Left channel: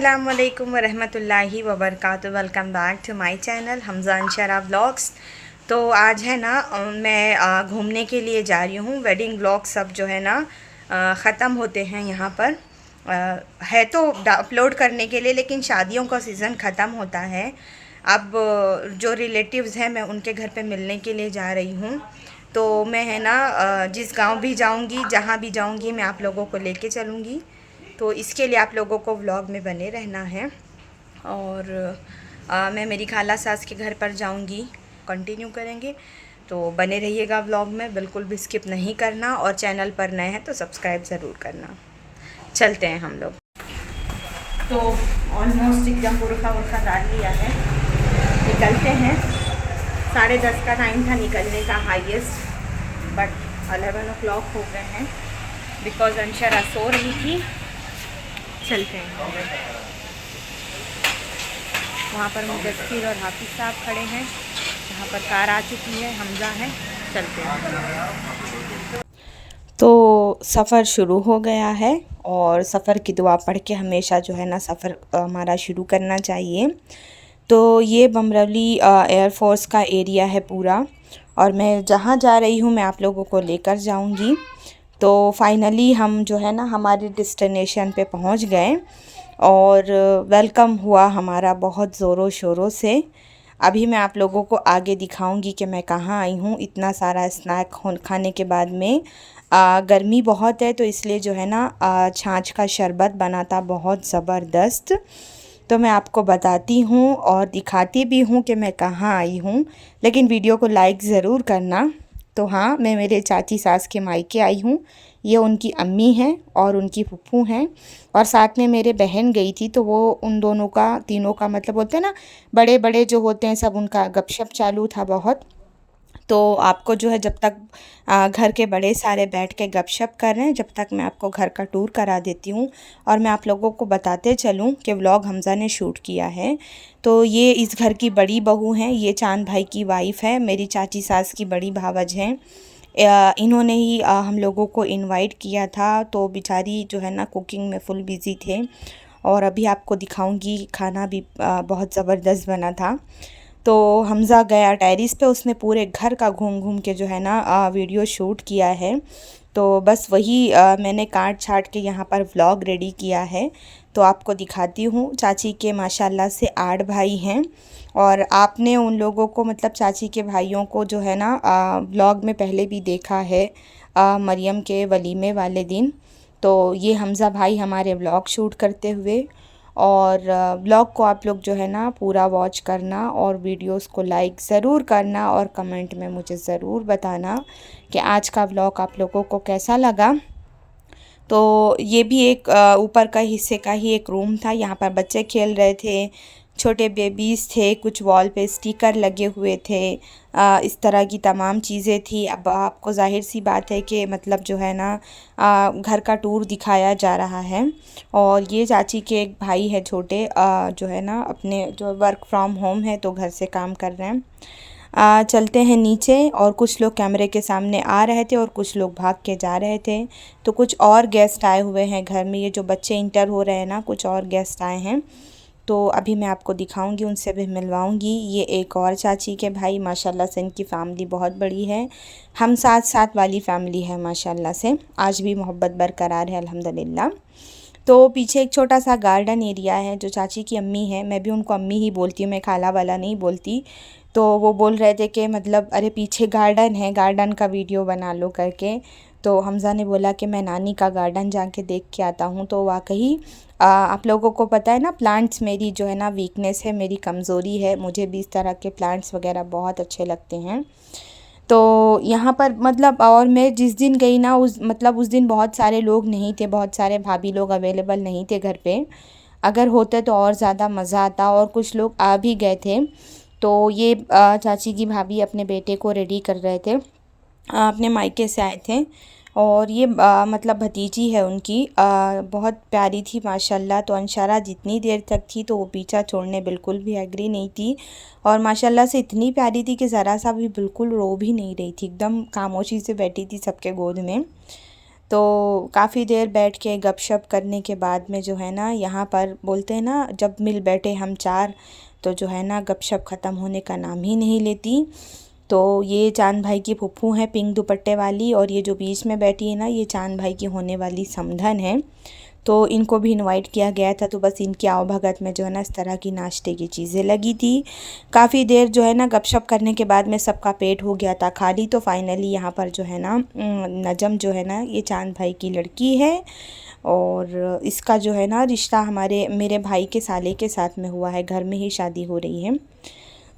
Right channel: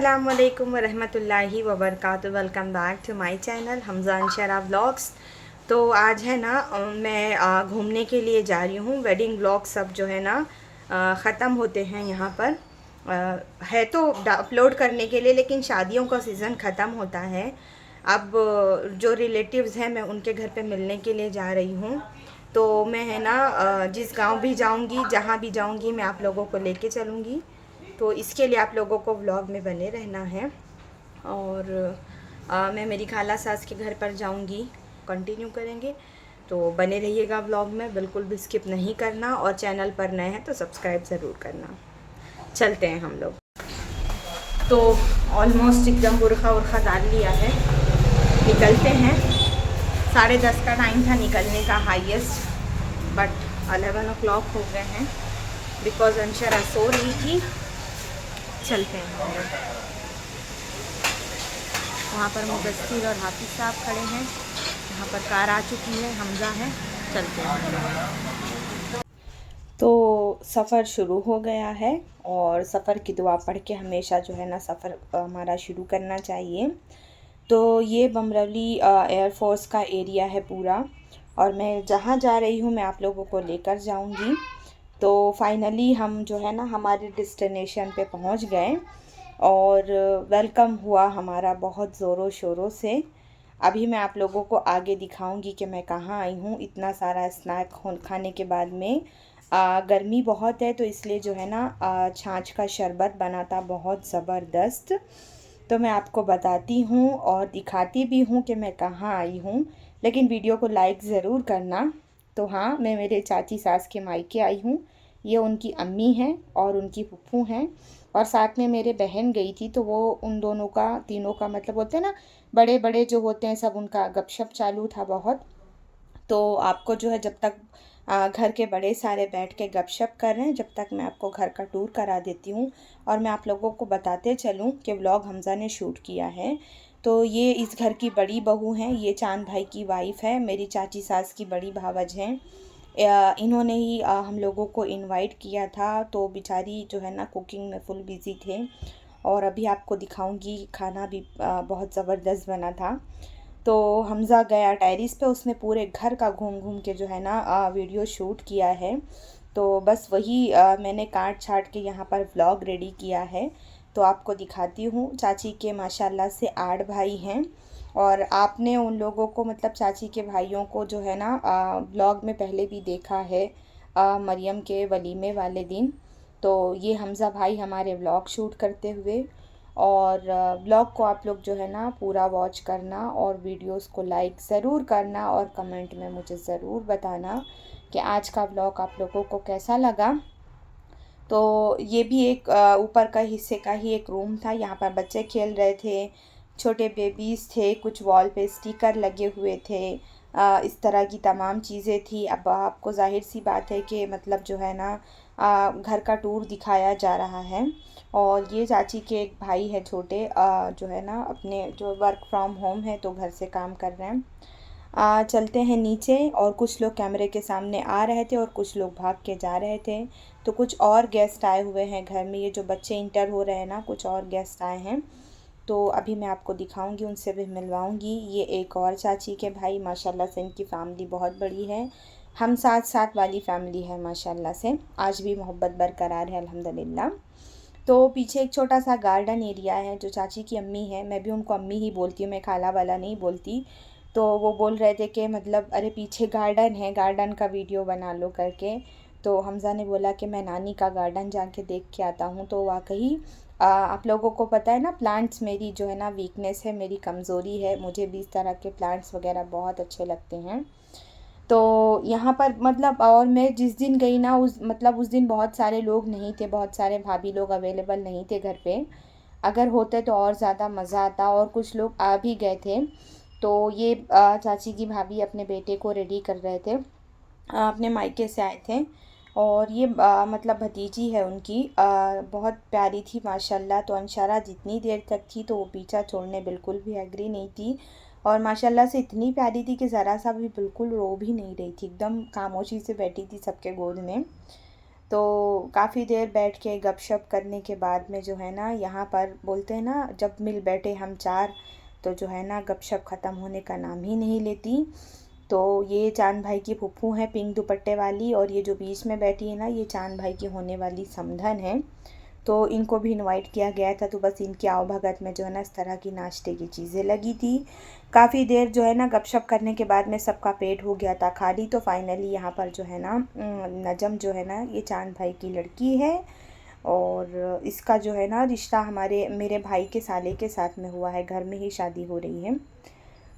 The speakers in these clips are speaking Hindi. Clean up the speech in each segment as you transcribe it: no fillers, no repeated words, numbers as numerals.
अस्सलामुअलैकुम वरहमतुल्लाहि वबरकातुहू। Welcome back to my channel Hamza Anshara vlogs. तो आज है ना मैं घूमने के लिए जा रही हूँ। वेडिंग व्लॉग सब जो है ना ख़त्म होते हैं यहाँ पर। है तो अपलोड करने के लिए, लेकिन शादियों का सीज़न ख़त्म होता है। अब जो रिलेटिव्स हैं मैं उनके घर पे मिलने के लिए जा रही हूँ। तो मैं है ना जिस गांव भी जाऊंगी, जहाँ भी जाऊंगी, मैं आप लोगों को लेके चलूँगी। तो इसके लिए आप लोगों को व्लॉग में बने रहना है। और मैं मेरी खाला सास के घर पर जाऊंगी, कंटिन्यू करेंगे। तो बने रहिएगा व्लॉग में, बिल्कुल भी स्किप नहीं करना। और चैनल पर नए हैं तो सब्सक्राइब ज़रूर करना। चलते हैं हम लोग। तो ऑलमोस्ट एकदम बुरखा उर्खा डाल लिया है, निकलते हैं। 10:30 का टाइम था निकलने का हाईएस्ट, बट 11 o'clock हो गए हैं बिकॉज अंशरा सो रही थी। चलते हैं हम लोग। वहाँ पर मुदस्सिर और हाफिज़ साहब खड़े हैं, यहाँ पर कार आ चुकी है, हमज़ा है। चलते हैं हम लोग। तो सफ़र शुरू हो गया है और सफ़र की दुआ पढ़ के हमेशा जो है ना सफ़र हमारा शुरू करना चाहिए। तो ये बमरौली एयरफोर्स का एरिया है पूरा, और मैं जहाँ जा रही हूँ मैं आप लोगों को लेकर जाऊँगी। तो फाइनली हम जो है ना हमारे डेस्टिनेशन पे पहुँच गए और वेलकम हुआ हमारा बहुत ज़ोरों शोरों से। अभी मैं आप लोगों को आगे दिखाऊंगी कि मैं कहाँ आई हूँ। इतना सारा स्नैक खाने के बाद में गर्मी बहुत है, तो इसलिए जो है ना छाछ का शरबत बना था बहुत ज़बरदस्त। तो मैं आपको बताती हूँ और दिखाती भी हूँ कि मैं कहाँ आई हूँ, लेकिन वीडियो को लाइक ज़रूर करना। तो हाँ, मैं मेरे चाची सास के मायके आई हूँ। ये उनकी अम्मी हैं और उनकी फूफू हैं, और साथ में मेरे बहन गई थी। तो वो उन दोनों का, तीनों का मतलब बोलते हैं ना, बड़े बड़े जो होते हैं सब, उनका गपशप चालू था बहुत। तो आपको जो है जब तक घर के बड़े सारे बैठ के गपशप कर रहे हैं, जब तक मैं आपको घर का टूर करा देती हूँ और मैं आप लोगों को बताते चलूँ कि व्लॉग हमज़ा ने शूट किया है। तो ये इस घर की बड़ी बहू हैं, ये चांद भाई की वाइफ़ है, मेरी चाची सास की बड़ी भावज हैं। इन्होंने ही हम लोगों को इनवाइट किया था। तो बेचारी जो है ना कुकिंग में फुल बिज़ी थे, और अभी आपको दिखाऊंगी खाना भी बहुत ज़बरदस्त बना था। तो हमज़ा गया टेरिस पे, उसने पूरे घर का घूम घूम के जो है ना वीडियो शूट किया है। तो बस वही मैंने काट छाट के यहाँ पर व्लॉग रेडी किया है। तो आपको दिखाती हूँ। चाची के माशाल्लाह से 8 भाई हैं, और आपने उन लोगों को, मतलब चाची के भाइयों को जो है ना व्लॉग में पहले भी देखा है मरियम के वलीमे वाले दिन। तो ये हमज़ा भाई हमारे व्लॉग शूट करते हुए। और व्लॉग को आप लोग जो है ना पूरा वॉच करना, और वीडियोस को लाइक ज़रूर करना, और कमेंट में मुझे ज़रूर बताना कि आज का व्लॉग आप लोगों को कैसा लगा। तो ये भी एक ऊपर का हिस्से का ही एक रूम था। यहाँ पर बच्चे खेल रहे थे, छोटे बेबीज़ थे, कुछ वॉल पे स्टिकर लगे हुए थे, इस तरह की तमाम चीज़ें थी। अब आपको ज़ाहिर सी बात है कि मतलब जो है ना घर का टूर दिखाया जा रहा है। और ये चाची के एक भाई है छोटे, जो है ना अपने जो वर्क फ्रॉम होम है, तो घर से काम कर रहे हैं। चलते हैं नीचे। और कुछ लोग कैमरे के सामने आ रहे थे और कुछ लोग भाग के जा रहे थे। तो कुछ और गेस्ट आए हुए हैं घर में, ये जो बच्चे इंटर हो रहे हैं ना, कुछ और गेस्ट आए हैं। तो अभी मैं आपको दिखाऊंगी, उनसे भी मिलवाऊंगी। ये एक और चाची के भाई, माशाल्लाह से इनकी फ़ैमिली बहुत बड़ी है, हम साथ साथ वाली फ़ैमिली है माशाल्लाह से। आज भी मोहब्बत बरकरार है अल्हम्दुलिल्लाह। तो पीछे एक छोटा सा गार्डन एरिया है। जो चाची की अम्मी है, मैं भी उनको अम्मी ही बोलती हूँ, मैं खाला वाला नहीं बोलती। तो वो बोल रहे थे कि मतलब अरे पीछे गार्डन है, गार्डन का वीडियो बना लो करके। तो हमज़ा ने बोला कि मैं नानी का गार्डन जाके देख के आता हूँ। तो वाकई आप लोगों को पता है ना, प्लांट्स मेरी जो है ना वीकनेस है, मेरी कमज़ोरी है। मुझे भी इस तरह के प्लांट्स वगैरह बहुत अच्छे लगते हैं। तो यहाँ पर मतलब, और मैं जिस दिन गई ना उस दिन बहुत सारे लोग नहीं थे, बहुत सारे भाभी लोग अवेलेबल नहीं थे घर पे। अगर होते तो और ज़्यादा मज़ा आता, और कुछ लोग आ भी गए थे। तो ये चाची की भाभी अपने बेटे को रेडी कर रहे थे, अपने मायके से आए थे। और ये मतलब भतीजी है उनकी, बहुत प्यारी थी माशाल्लाह। तो अंशारा जितनी देर तक थी तो वो पीछा छोड़ने बिल्कुल भी एग्री नहीं थी, और माशाल्लाह से इतनी प्यारी थी कि ज़रा सा भी बिल्कुल रो भी नहीं रही थी, एकदम खामोशी से बैठी थी सबके गोद में। तो काफ़ी देर बैठ के गपशप करने के बाद में जो है ना, यहाँ पर बोलते हैं ना, जब मिल बैठे हम चार, तो जो है ना गपशप ख़त्म होने का नाम ही नहीं लेती। तो ये चांद भाई की फूफू हैं, पिंक दुपट्टे वाली, और ये जो बीच में बैठी है ना, ये चांद भाई की होने वाली समधन है। तो इनको भी इनवाइट किया गया था, तो बस इनकी आवभगत में जो है ना इस तरह की नाश्ते की चीज़ें लगी थी। काफ़ी देर जो है ना गपशप करने के बाद में सबका पेट हो गया था खाली। तो फाइनली यहाँ पर जो है ना नजम जो है ना, ये चांद भाई की लड़की है, और इसका जो है ना रिश्ता हमारे मेरे भाई के साले के साथ में हुआ है, घर में ही शादी हो रही है।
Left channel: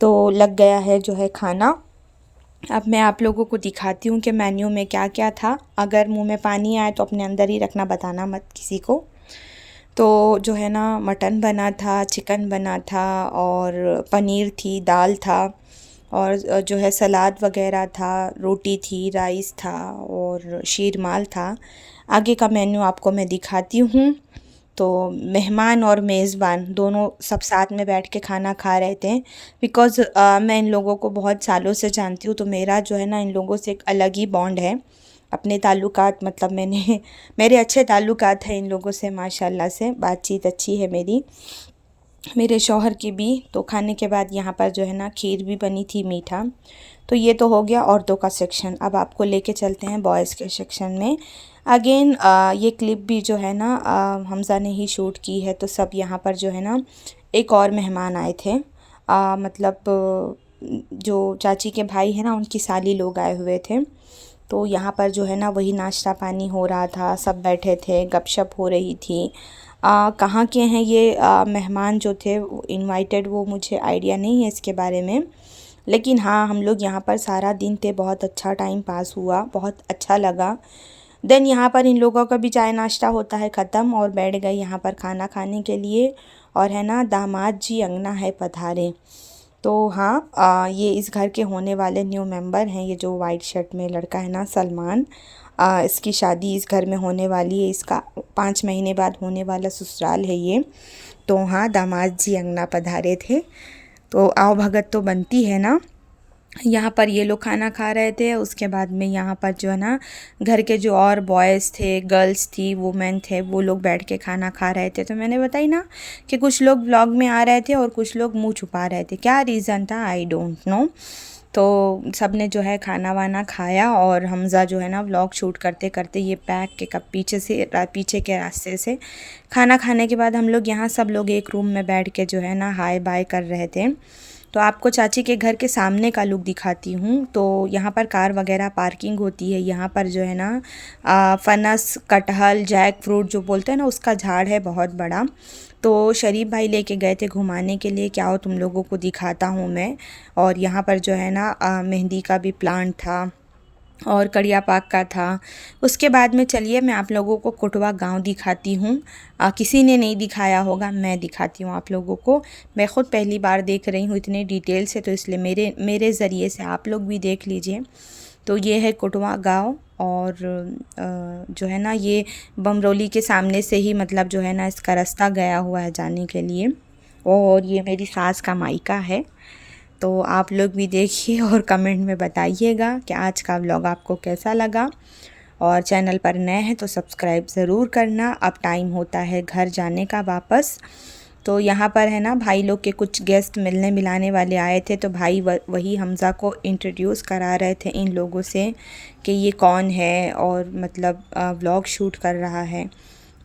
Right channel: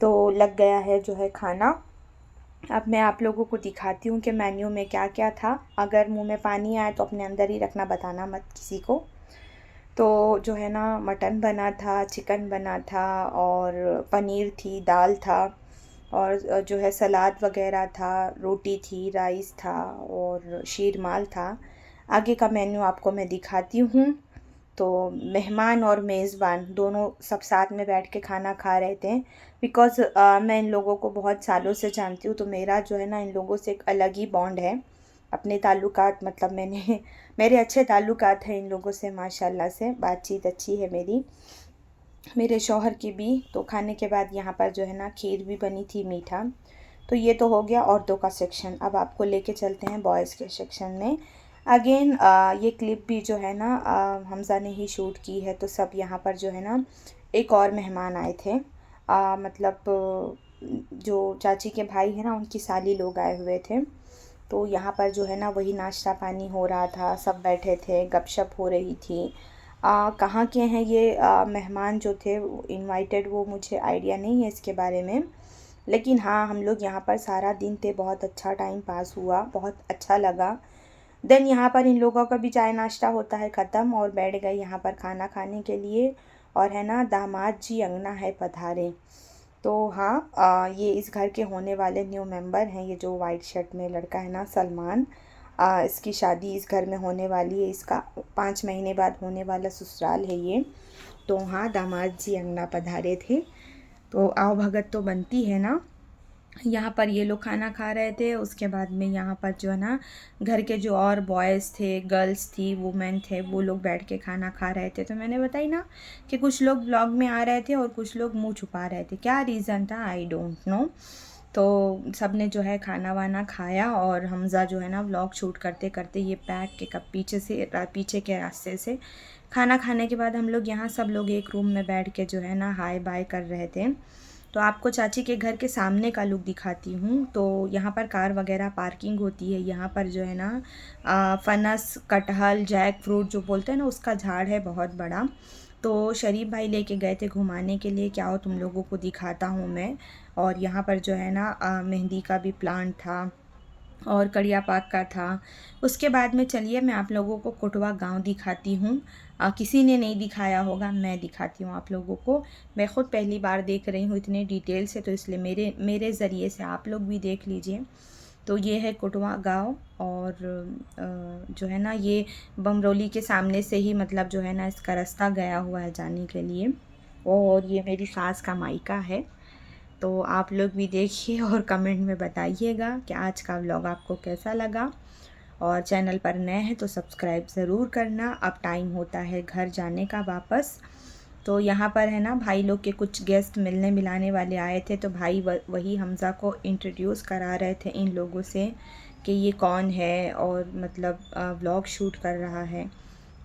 तो लग गया है जो है खाना। अब मैं आप लोगों को दिखाती हूँ कि मेन्यू में क्या क्या था। अगर मुंह में पानी आए तो अपने अंदर ही रखना, बताना मत किसी को। तो जो है ना मटन बना था, चिकन बना था, और पनीर थी, दाल था, और जो है सलाद वगैरह था, रोटी थी, राइस था, और शीरमाल था। आगे का मेन्यू आपको मैं दिखाती हूँ। तो मेहमान और मेज़बान दोनों सब साथ में बैठ के खाना खा रहे थे। बिकॉज़ मैं इन लोगों को बहुत सालों से जानती हूँ, तो मेरा जो है ना इन लोगों से एक अलग ही बॉन्ड है। अपने ताल्लुकात, मतलब मैंने मेरे अच्छे ताल्लुकात हैं इन लोगों से, माशाल्लाह से बातचीत अच्छी है मेरी, मेरे शौहर की भी। तो खाने के बाद यहाँ पर जो है ना खीर भी बनी थी, मीठा। तो ये तो हो गया औरतों का सेक्शन। अब आपको लेके चलते हैं बॉयज़ के सेक्शन में। अगेन ये क्लिप भी जो है ना हमज़ा ने ही शूट की है। तो सब यहाँ पर जो है ना, एक और मेहमान आए थे, मतलब जो चाची के भाई हैं ना, उनकी साली लोग आए हुए थे। तो यहाँ पर जो है ना वही नाश्ता पानी हो रहा था, सब बैठे थे, गपशप हो रही थी। कहाँ के हैं ये मेहमान जो थे इनवाइटेड, वो मुझे आइडिया नहीं है इसके बारे में। लेकिन हाँ, हम लोग यहाँ पर सारा दिन थे, बहुत अच्छा टाइम पास हुआ, बहुत अच्छा लगा। देन यहाँ पर इन लोगों का भी चाय नाश्ता होता है ख़त्म, और बैठ गए यहाँ पर खाना खाने के लिए। और है ना दामाद जी अंगना है पधारे। तो हाँ, ये इस घर के होने वाले न्यू मेंबर हैं। ये जो वाइट शर्ट में लड़का है ना, सलमान, इसकी शादी इस घर में होने वाली है। इसका 5 महीने बाद होने वाला ससुराल है ये। तो हाँ, दामाद जी अंगना पधारे थे। तो आओ भगत तो बनती है ना। यहाँ पर ये लोग खाना खा रहे थे। उसके बाद में यहाँ पर जो है ना घर के जो और बॉयज़ थे, गर्ल्स थी, वुमेन थे, वो लोग बैठ के खाना खा रहे थे। तो मैंने बताई ना कि कुछ लोग व्लॉग में आ रहे थे और कुछ लोग मुंह छुपा रहे थे। क्या रीज़न था आई डोंट नो। तो सब ने जो है खाना वाना खाया, और हमज़ा जो है ना व्लॉग शूट करते करते ये बैक के कब पीछे के रास्ते से खाना खाने के बाद हम लोग यहाँ सब लोग एक रूम में बैठ के जो है ना हाय बाय कर रहे थे। तो आपको चाची के घर के सामने का लुक दिखाती हूँ। तो यहाँ पर कार वगैरह पार्किंग होती है। यहाँ पर जो है ना फनस, कटहल, जैक फ्रूट जो बोलते हैं ना, उसका झाड़ है बहुत बड़ा। तो शरीफ भाई लेके गए थे घुमाने के लिए, क्या हो तुम लोगों को दिखाता हूँ मैं। और यहाँ पर जो है ना मेहंदी का भी प्लांट था, और कड़िया पाक का था। उसके बाद में चलिए मैं आप लोगों को कोटवा गांव दिखाती हूँ। किसी ने नहीं दिखाया होगा, मैं दिखाती हूँ आप लोगों को। मैं ख़ुद पहली बार देख रही हूँ इतने डिटेल से, तो इसलिए मेरे ज़रिए से आप लोग भी देख लीजिए। तो ये है कोटवा गांव, और जो है ना ये बमरोली के सामने से ही, मतलब जो है ना इसका रास्ता गया हुआ है जाने के लिए। और ये मेरी सास का मायका है। तो आप लोग भी देखिए और कमेंट में बताइएगा कि आज का व्लॉग आपको कैसा लगा। और चैनल पर नए हैं तो सब्सक्राइब ज़रूर करना। अब टाइम होता है घर जाने का वापस। तो यहाँ पर है ना भाई लोग के कुछ गेस्ट मिलने मिलाने वाले आए थे। तो भाई वही हमज़ा को इंट्रोड्यूस करा रहे थे इन लोगों से कि ये कौन है, और मतलब व्लॉग शूट कर रहा है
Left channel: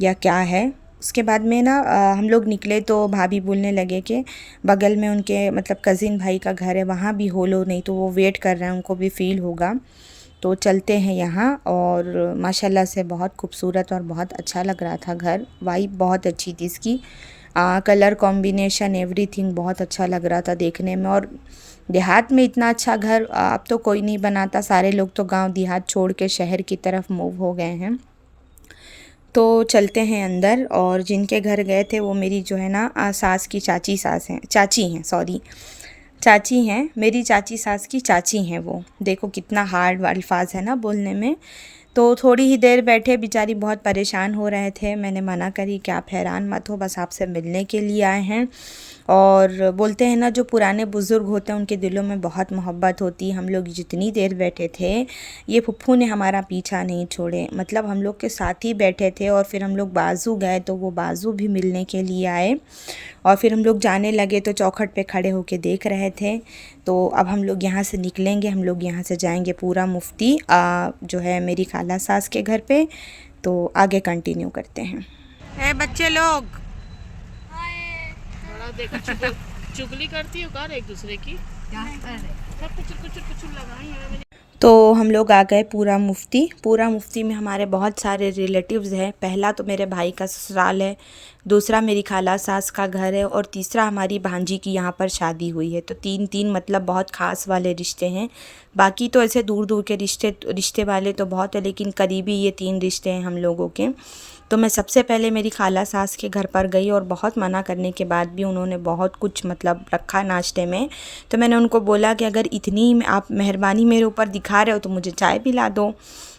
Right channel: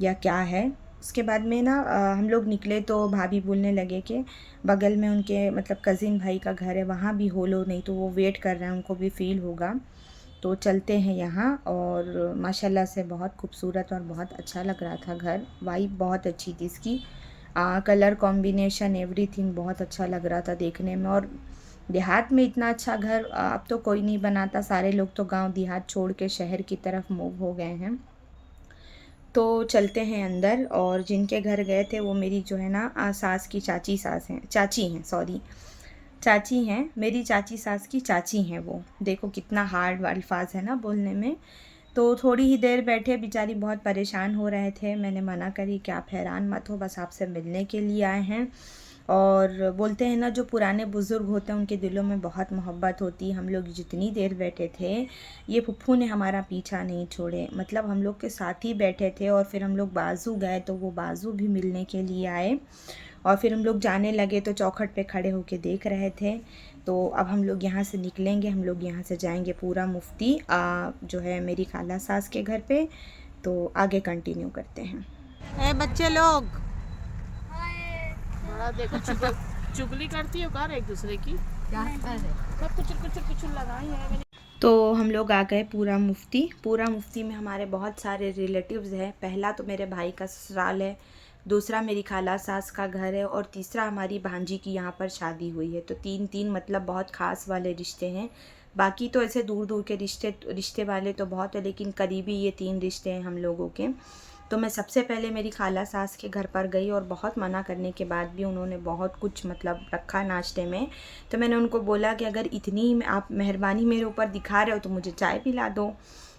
या क्या है। उसके बाद में ना हम लोग निकले तो भाभी बोलने लगे कि बगल में उनके मतलब कज़िन भाई का घर है, वहाँ भी हो लो, नहीं तो वो वेट कर रहे हैं, उनको भी फ़ील होगा। तो चलते हैं यहाँ। और माशाल्लाह से बहुत खूबसूरत और बहुत अच्छा लग रहा था घर। वाइब बहुत अच्छी थी इसकी, कलर कॉम्बिनेशन एवरीथिंग बहुत अच्छा लग रहा था देखने में। और देहात में इतना अच्छा घर अब तो कोई नहीं बनाता, सारे लोग तो गांव देहात छोड़ के शहर की तरफ मूव हो गए हैं। तो चलते हैं अंदर। और जिनके घर गए थे वो मेरी जो है ना सास की चाची हैं, सॉरी, चाची हैं, मेरी चाची सास की चाची हैं वो। देखो कितना हार्ड अल्फाज है ना बोलने में। तो थोड़ी ही देर बैठे, बेचारी बहुत परेशान हो रहे थे। मैंने मना करी कि आप हैरान मत हो, बस आपसे मिलने के लिए आए हैं। और बोलते हैं ना, जो पुराने बुज़ुर्ग होते हैं उनके दिलों में बहुत मोहब्बत होती है। हम लोग जितनी देर बैठे थे, ये फुप्पू ने हमारा पीछा नहीं छोड़े, मतलब हम लोग के साथ ही बैठे थे। और फिर हम लोग बाजू गए तो वो बाजू भी मिलने के लिए आए, और फिर हम लोग जाने लगे तो चौखट पे खड़े होके देख रहे थे। तो अब हम लोग यहाँ से निकलेंगे, हम लोग यहाँ से जाएंगे पूरा मुफ्ती जो है मेरी खाला सास के घर पे। तो आगे कंटिन्यू करते हैं। ए बच्चे लोग, देखो चुगली करती हो कार एक दूसरे की, क्या कर रहे कुछ लगाई है। तो हम लोग आ गए पूरा मुफ्ती में हमारे बहुत सारे रिलेटिव्स हैं। पहला तो मेरे भाई का ससुराल है, दूसरा मेरी खाला सास का घर है, और तीसरा हमारी भांजी की यहाँ पर शादी हुई है। तो तीन मतलब बहुत ख़ास वाले रिश्ते हैं। बाकी तो ऐसे दूर दूर के रिश्ते वाले तो बहुत है, लेकिन करीबी ये 3 रिश्ते हैं हम लोगों के। तो मैं सबसे पहले मेरी खाला सास के घर पर गई, और बहुत मना करने के बाद भी उन्होंने बहुत कुछ मतलब रखा नाश्ते में। तो मैंने उनको बोला कि अगर इतनी आप मेहरबानी मेरे ऊपर दिखा रहे हो तो मुझे चाय पिला दो।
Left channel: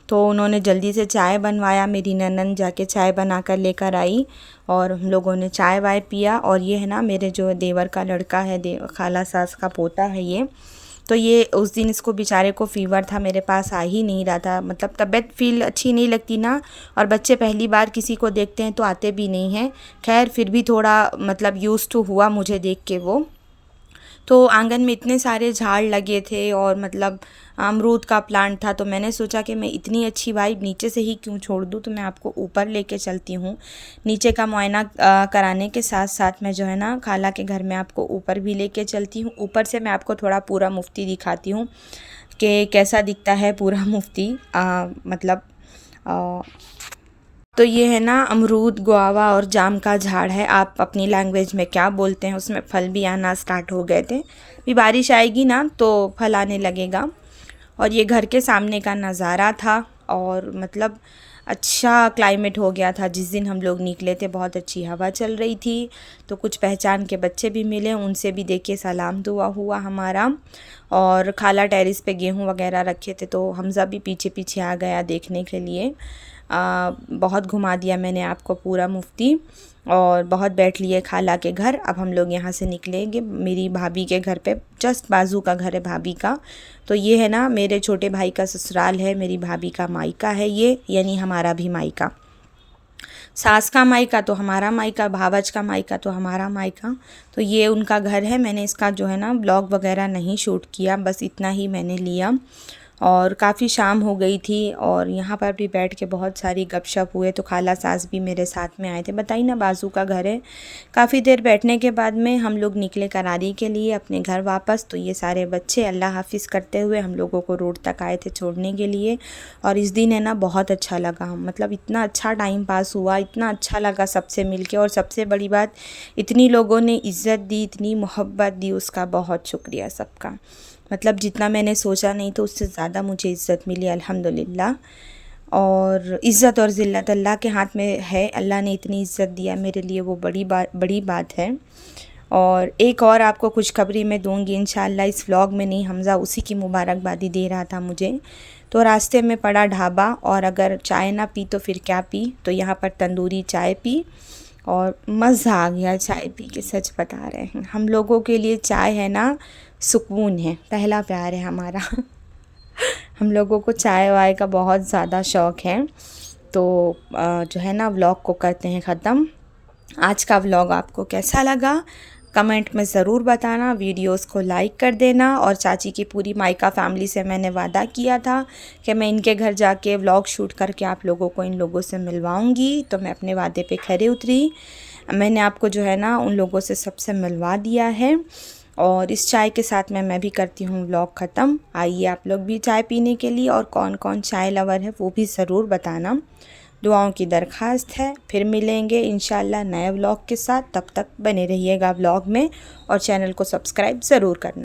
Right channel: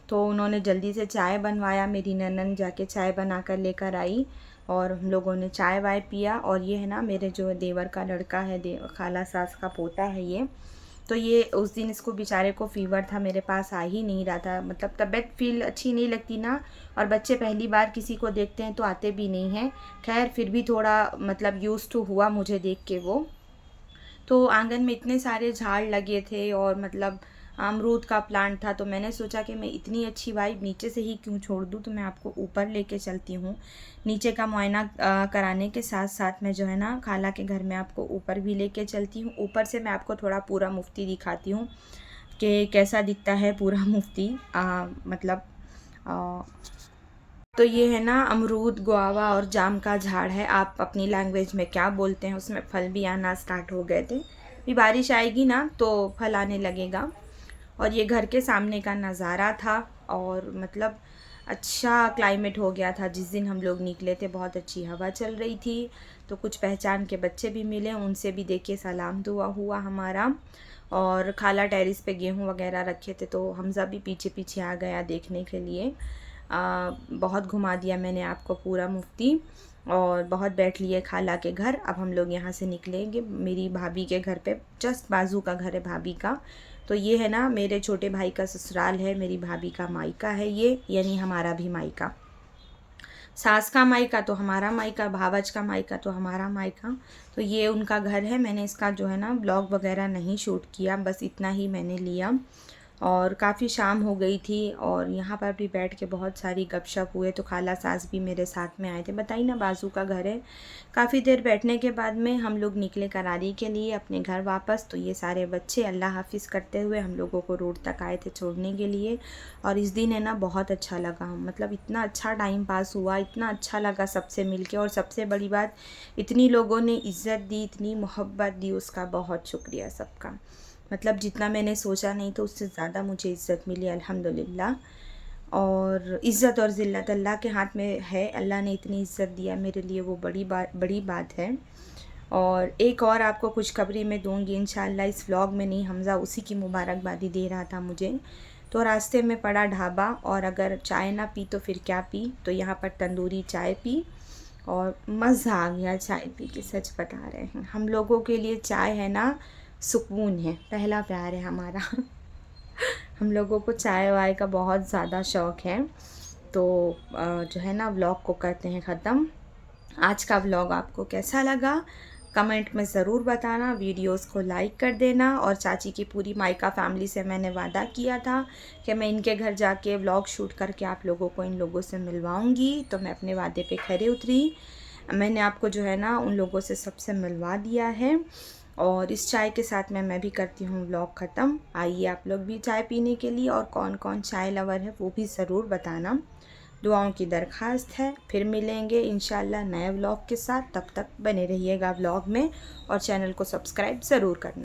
तो उन्होंने जल्दी से चाय बनवाया, मेरी ननद जाके चाय बना कर लेकर आई, और हम लोगों ने चाय वाय पिया। और ये है ना मेरे जो देवर का लड़का है, खाला सास का पोता है ये। तो ये उस दिन इसको बेचारे को फ़ीवर था, मेरे पास आ ही नहीं रहा था, मतलब तबीयत फील अच्छी नहीं लगती ना, और बच्चे पहली बार किसी को देखते हैं तो आते भी नहीं हैं। खैर फिर भी थोड़ा मतलब यूज़ टू हुआ मुझे देख के वो। तो आंगन में इतने सारे झाड़ लगे थे, और मतलब अमरूद का प्लांट था। तो मैंने सोचा कि मैं इतनी अच्छी वाइब नीचे से ही क्यों छोड़ दूँ, तो मैं आपको ऊपर लेके चलती हूँ। नीचे का मुआयना कराने के साथ साथ मैं जो है ना खाला के घर में आपको ऊपर भी लेके चलती हूँ। ऊपर से मैं आपको थोड़ा पूरा मुफ्ती दिखाती हूँ कि कैसा दिखता है पूरा मुफ्ती। मतलब तो ये है ना अमरूद, गुआवा और जाम का झाड़ है, आप अपनी लैंग्वेज में क्या बोलते हैं। उसमें फल भी आना स्टार्ट हो गए थे, अभी बारिश आएगी ना तो फल आने लगेगा। और ये घर के सामने का नज़ारा था, और मतलब अच्छा क्लाइमेट हो गया था जिस दिन हम लोग निकले थे। बहुत अच्छी हवा चल रही थी, तो कुछ पहचान के बच्चे भी मिले, उनसे भी देखिए सलाम दुआ हुआ हमारा। और खाला टेरिस पे गेहूँ वगैरह रखे थे, तो हमज़ा भी पीछे पीछे आ गया देखने के लिए। बहुत घुमा दिया मैंने आपको पूरा मुफ्ती, और बहुत बैठ लिए खाला के घर। अब हम लोग यहाँ से निकलेंगे मेरी भाभी के घर पे, जस्ट बाजू का घर है भाभी का। तो ये है ना मेरे छोटे भाई का ससुराल है, मेरी भाभी का मायका है ये, यानी हमारा भी मायका। सास का मायका तो हमारा मायका, भावज का मायका तो हमारा मायका। तो ये उनका घर है। मैंने इसका जो है ना ब्लॉग वगैरह नहीं शूट किया, बस इतना ही मैंने लिया। और काफ़ी शाम हो गई थी, और यहाँ पर भी बैठ के बहुत सारी गपशप हुए। तो खाला सास भी मेरे साथ में आए थे, बताइए ना बाजू का घर है। काफ़ी देर बैठने के बाद में हम लोग निकले करारी के लिए अपने घर वापस। तो ये सारे बच्चे अल्लाह हाफिज़ करते हुए हम लोगों को रोड तक आए थे छोड़ने के लिए। और इस दिन है ना बहुत अच्छा लगा, मतलब इतना अच्छा टाइम पास हुआ, इतना अच्छा लगा सबसे मिल के। और सबसे बड़ी बात, इतनी लोगों ने इज़्ज़त दी, इतनी मोहब्बत दी, उसका बहुत शुक्रिया सबका। मतलब जितना मैंने सोचा नहीं तो उससे ज़्यादा मुझे इज़्ज़त मिली अल्हम्दुलिल्लाह। और इज़्ज़त और ज़िल्लत अल्लाह के हाथ में है, अल्लाह ने इतनी इज़्ज़त दिया मेरे लिए, वो बड़ी बात है। और एक और आपको खुशखबरी मैं दूंगी इंशाल्लाह, इस व्लॉग में नहीं, हमज़ा उसी की मुबारकबादी दे रहा था मुझे। तो रास्ते में पड़ा ढाबा, और अगर चाय ना पी तो फिर क्या पी, तो यहाँ पर तंदूरी चाय पी, और मज़ा आ गया चाय पी के, सच बता रहे हैं। हम लोगों के लिए चाय है ना सुकून है, पहला प्यार है हमारा। हम लोगों को चाय वाय का बहुत ज़्यादा शौक़ है। तो जो है ना व्लॉग को करते हैं ख़त्म। आज का व्लॉग आपको कैसा लगा कमेंट में ज़रूर बताना, वीडियोस को लाइक कर देना। और चाची की पूरी मायका फैमिली से मैंने वादा किया था कि मैं इनके घर जाके व्लॉग शूट करके आप लोगों को इन लोगों से मिलवाऊंगी, तो मैं अपने वादे पे खरे उतरी। मैंने आपको जो है ना उन लोगों से सबसे मिलवा दिया है। और इस चाय के साथ मैं भी करती हूँ व्लॉग ख़त्म। आइए आप लोग भी चाय पीने के लिए, और कौन कौन चाय लवर है वो भी ज़रूर बताना, दुआओं की दरख्वास्त है। फिर मिलेंगे इंशाल्लाह नए व्लॉग के साथ, तब तक बने रहिएगा व्लॉग में, और चैनल को सब्सक्राइब ज़रूर करना।